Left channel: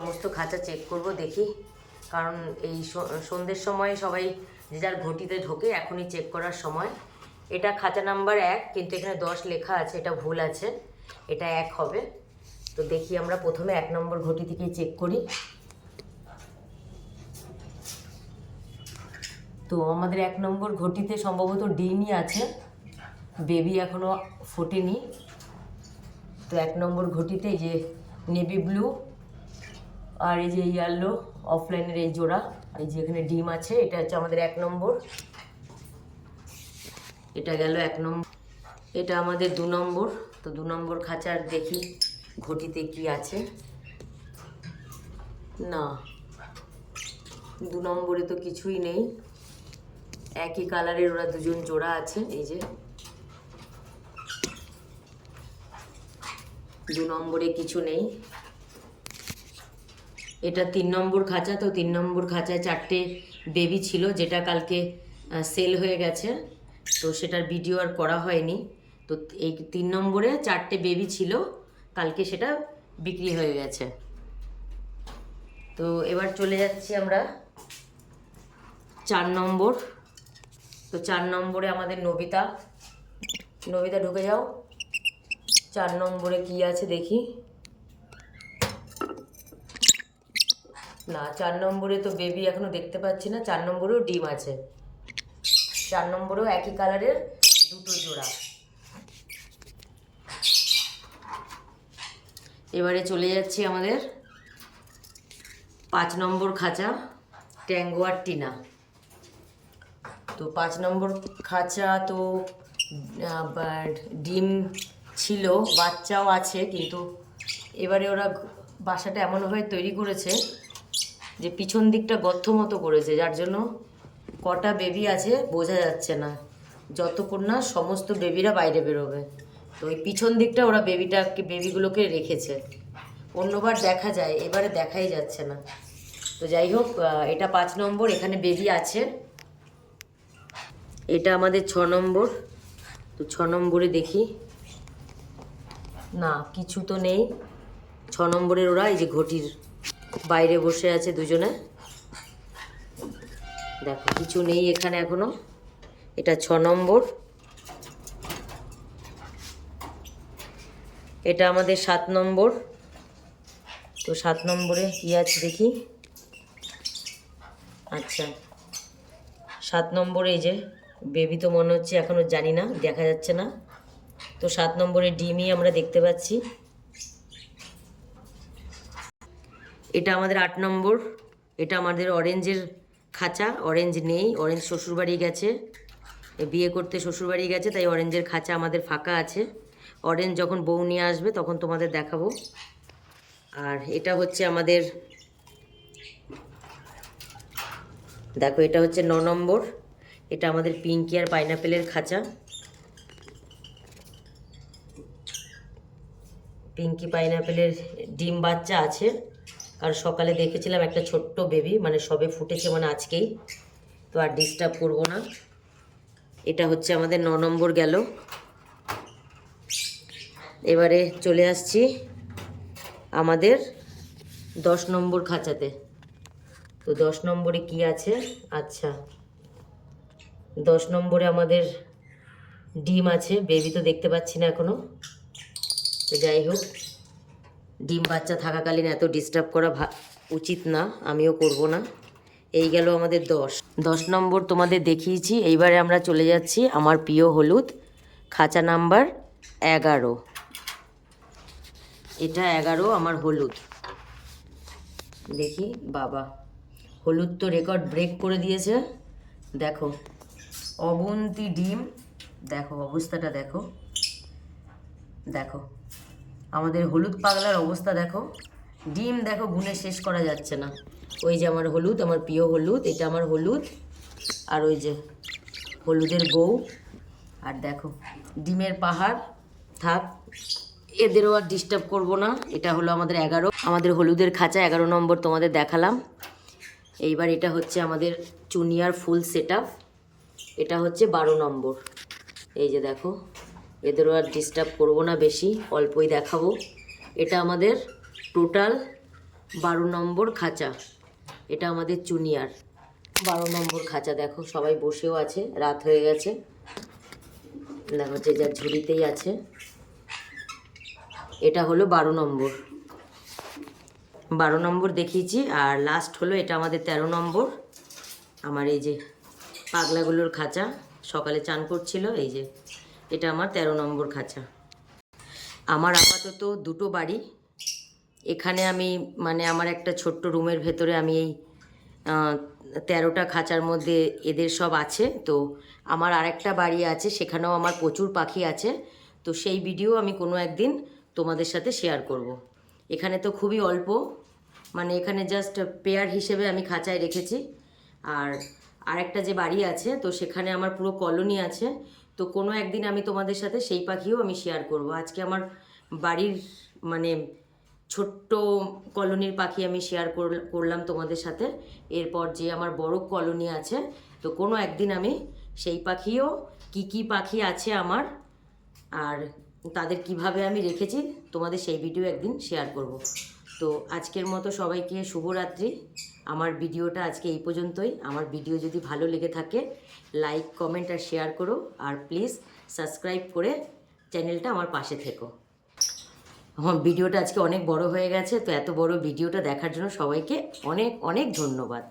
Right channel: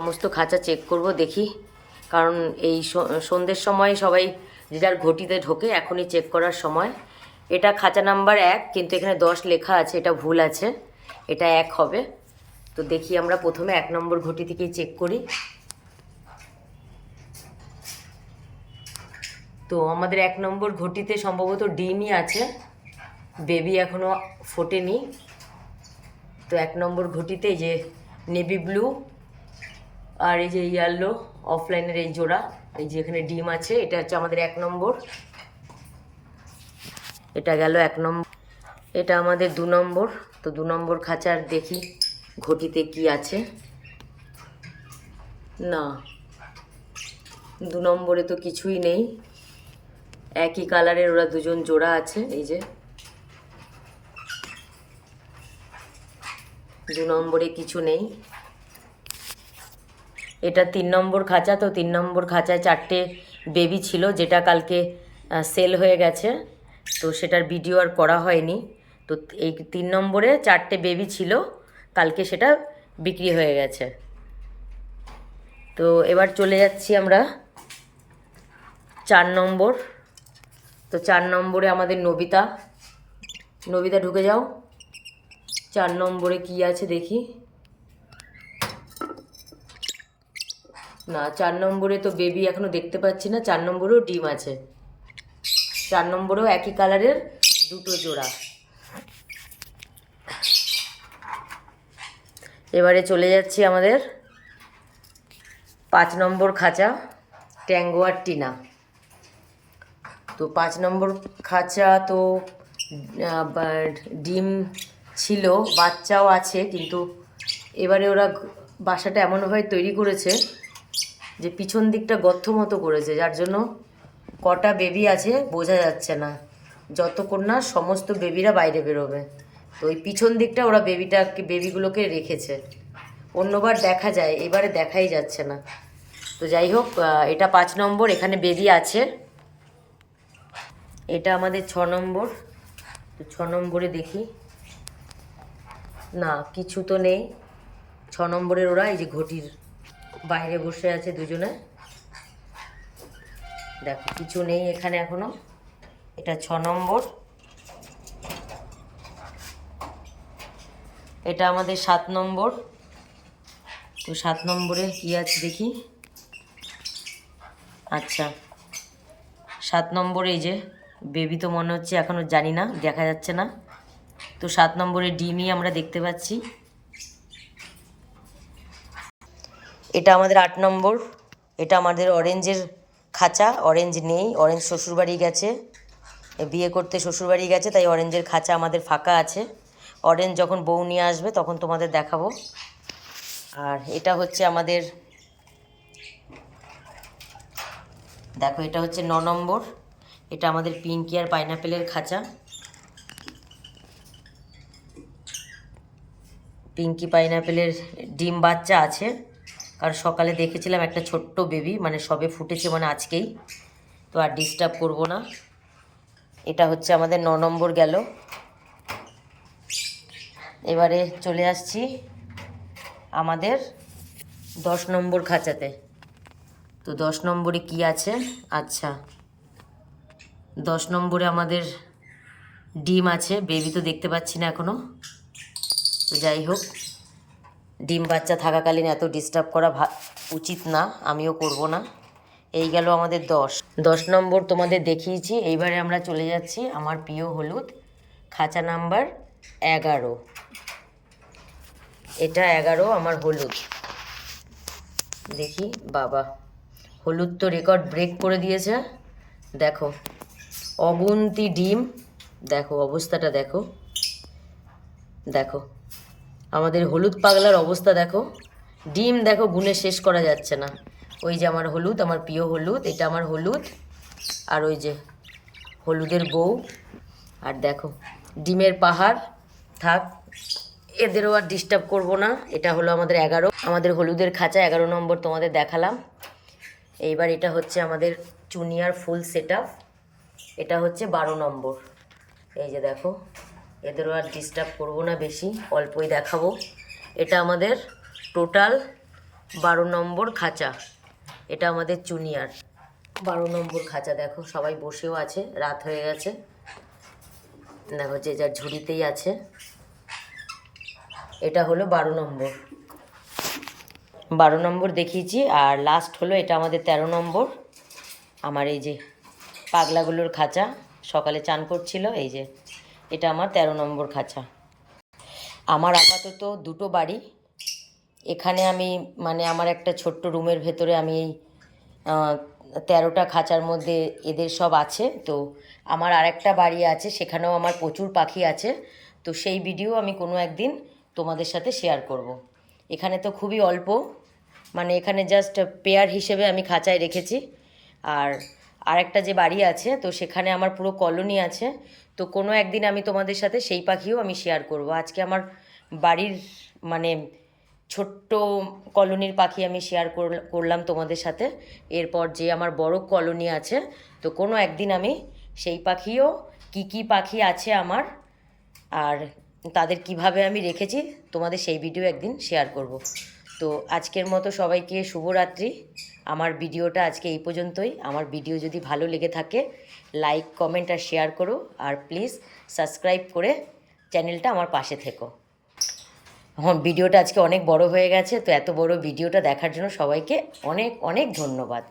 সমস্ত খাঁচা চেক করব দেখি, কারণ এই সন্ধ্যের সময় সবাই যে যার ঘটিতে ঢোকে, এখনই চেক করার সময়। এটা খাঁচা নাম্বার 1, কিন্তু এখানে 10 লেখা আছে, এটা ভুল আছে, এটা 1 হবে। তো দেখি আমরা প্রথমে 1 নম্বর ঘটি থেকে চেক করি। তো আমাদের 1 নম্বর ঘটিতে সম্ভবত ডিমই আছে, বেবি এখনও ফোটেনি। তো 1 নম্বর ঘটিতে এই যে নেভি ব্লু আর এই যে ইয়েলো অফলাইনের এই জোড়া, এই যে এখানে ডিম আছে, এটা হচ্ছে আমাদের 1 নম্বর। এটা গেল 1 নম্বর। এটা আমাদের 2 নম্বর। তো 2 নম্বর খাঁচার দেখি ঘটিতে কি আছে। না, 2 নম্বরে তো কিছুই নেই, একই কালারের ওরা দুজন জোড়া আছে। এই যে 2 নম্বরে কিছু নেই। এটা 3 নম্বর খাঁচা। তো 3 নম্বর খাঁচায় 4টে বেবি ছিল, যেটা কালকে সেল হয়ে গেছে, তো সেটার ভিডিও আর করা হয়নি। তো এই 3 নম্বরে 4টে বেবি ছিল, কালকে সেটা বিক্রি হয়ে গেছে। তো এবার চলে যাচ্ছি আমরা 4 নম্বর। তো 4 নম্বরে আমাদের নবিতা। নবিতা ঢুকে যাও। 4 নম্বরে কি আছে দেখি। না, 4 নম্বরে তো বেবি এখনো দেখতে পাচ্ছি না। 4 নম্বরেও ডিম আছে, 4 নম্বরেও একই কালারের 2টো জোড়া। এবারে চলে যাচ্ছি আমাদের 5 নম্বর খাঁচা, ট্যাঙ্গো আর টিনা। তো 5 নম্বর খাঁচা তো ডিম ছিল, বাচ্চাও আছে, কিন্তু এবারে ওরা বাসাটা এমনভাবে তৈরি করেছে যে পিছন দিকটা গর্ত মতো করেছে, যার জন্য কটা বেবি আছে বোঝা যাচ্ছে না, যতক্ষণ না সমস্ত বেবিরা বাইরে বেরোবে। তো ওই পিছন দিকটা ওরা বেবিগুলোকে রেখেছে, অন্যবার দেখা যায়, এবারে দেখাই যাচ্ছে না। তো যাই হোক, এটা 5 নম্বর, এখানে বেবি আছে। এটা আমাদের 6 নম্বর। তো 6 নম্বরে দেখি। না, কিছু তো নেই। 6 নম্বরের ওরা এই যে ঘটির বাইরে বসে আছে দুজনে, দেখো কিছু নেই এখানে এখনো। এটা 6 নম্বর। এটা আমাদের 7 নম্বর। তো 7 নম্বরে কি আছে দেখি। আচ্ছা, 7 নম্বরে এই যে বেবি তো মনে হচ্ছে এখনও, জানি না, দেখা যাচ্ছে না। তো 7 নম্বরে ডিমই আমরা দেখতে পাচ্ছি। এটা আমাদের 8 নম্বর। এটা আমাদের অরেঞ্জের খাঁচা, অরেঞ্জ নেই, অরেঞ্জ শ্বশুরবাড়ি গেছে, বিয়ে করতে শ্বশুরবাড়ি গেছে, তাই অরেঞ্জের খাঁচা আমাদের ফাঁকা আছে। অরেঞ্জ যখন বউ নিয়ে আসবে তখন তোমাদের দেখাবো। আর এটা হচ্ছে আমাদের, দেখো এটা হচ্ছে 9 নম্বর। এটা আমাদের পিঙ্কি আর পাইনাপেলের খাঁচা। পিঙ্কি পাইনাপেলের ডিম বাচ্চা আছে, কারণ সকালে দেখেছিলাম একটা ছোট্ট বেবি, মানে সবে ফুটেছে, মানে আজকেই। তো আর ডিস্টার্ব করব না। এটা হচ্ছে আমাদের 9 নম্বর গেল। এবারে চলে আসছি আমাদের 10 নম্বর খাঁচাতে। তো 10 নম্বরে কি আছে। আচ্ছা, 10 নম্বরে আমাদের ডিম আছে, বেবি তো দেখতে পাচ্ছি না এখনও। তো যাই হোক, ডিম বাচ্চা থাকাকালীন এত ডিস্টার্ব করা উচিত না, আমিও করব না। এই গেল আমাদের 10 নম্বর তোমাদের দেখিয়েছি। এইবারে আমরা চলে যাচ্ছি আমার প্রিয় হলুদ খাঁচা নাম্বার 11। এটা 11 আমার হলুদ। দেখি, বাবা, হলুদ তো রেকর্ড ব্রেক করে দিয়েছে। দেখো অগুন্তি ডিম, দেখো অবস্থাটা, দেখো দেখো আমাদের হলুদ পাগলার অবস্থা, দেখো ডিম, দেখো গুনে শেষ করা যাচ্ছে না। ওই যে আমার হলুদ, আমার প্রিয় হলুদ, এটা আমার হলুদ, আর ওই যে হলুদের বউ, আর দেখো ডিমের পাহাড়। থাক, এদেরও আর ডিস্টার্ব করব না। এটা হলো আমাদের 11, আমাদের হলুদের খাঁচা 11 নম্বর তোমাদের দেখালাম। এইবার এটা হচ্ছে আমাদের চুনিয়ার ফুল সেট আপ, এটা হচ্ছে 12 নম্বর। এই যে দেখো, এদেরও আর ডিস্টার্ব করবো না বেশি, অল্পই দেখাবো। এটা আমাদের টোটাল 12 নম্বর খাঁচা, এটা আমাদের চুনিয়ার 12 নম্বর খাঁচা। দেখো সবাই বসেও আছে, রাত হয়ে গেছে। দেখো যে যার ঝুড়িতেই আছে। এটা হলো 12 নম্বর, 12 নম্বর দেখিয়েছি। আর লাস্ট হলো এটা আমাদের 13 নম্বর। আমার এই যে পাগলাগুলোর খাঁচা, সকালে চান করছিল, এই যে এটা আমার 13 নম্বর খাঁচা। আমার আপাতত দুটো বাড়ি। এখানে আমি মানে আমার একটা ছোট্ট রুমের ভেতরে আমি এই 13টা খাঁচার মধ্যে এদের সব আছে। তো আমার আরেকটা বাড়ি আছে, সেখানেও আমার প্রচুর পাখি আছে। তো সেই ভিডিও আমি কোনো একদিন তোমাদের সাথে শেয়ার করব। এখানে তো খুবই অল্প, মানে এখানে জাস্ট পেয়ার হিসেবে আমি খাঁচায় রেখেছি। আর আরেকটা যে বাড়ি আছে, তো সেখানে আমার পুরো কলোনি আছে। তো কোনো একদিন আমি তোমাদের সাথে সেই পাখিও আমি শেয়ার করব। আজকে আমার বাড়ির মানে ছোট্ট কলোনির পাখি আমি শেয়ার করলাম তোমাদের সাথে। এরপর যে আমার বড় কলোনি আছে, তো কোনো একদিন আমি সেই পাখিও কি পাখি আছে আমার আর তাদের কিভাবে আমি রেখেছি তোমাদের সেই ভিডিও একদিন শেয়ার করব। তো আজকের মতো সবাইকে শুভরাত্রি। আমার ভিডিওটা আজকে এই পর্যন্তই। আমার ভিডিও যদি ভালো লেগে থাকে লাইক কমেন্ট আর শেয়ার করো, আর প্লিজ সাবস্ক্রাইব করে চ্যানেলটা আমার পাশে থেকো। আমার ভিডিওটা আজকে অনেক বড় হয়ে গেছে, তো এত বড় ভিডিওটা দেখার জন্য সবাইকে অনেক অনেক ধন্যবাদ।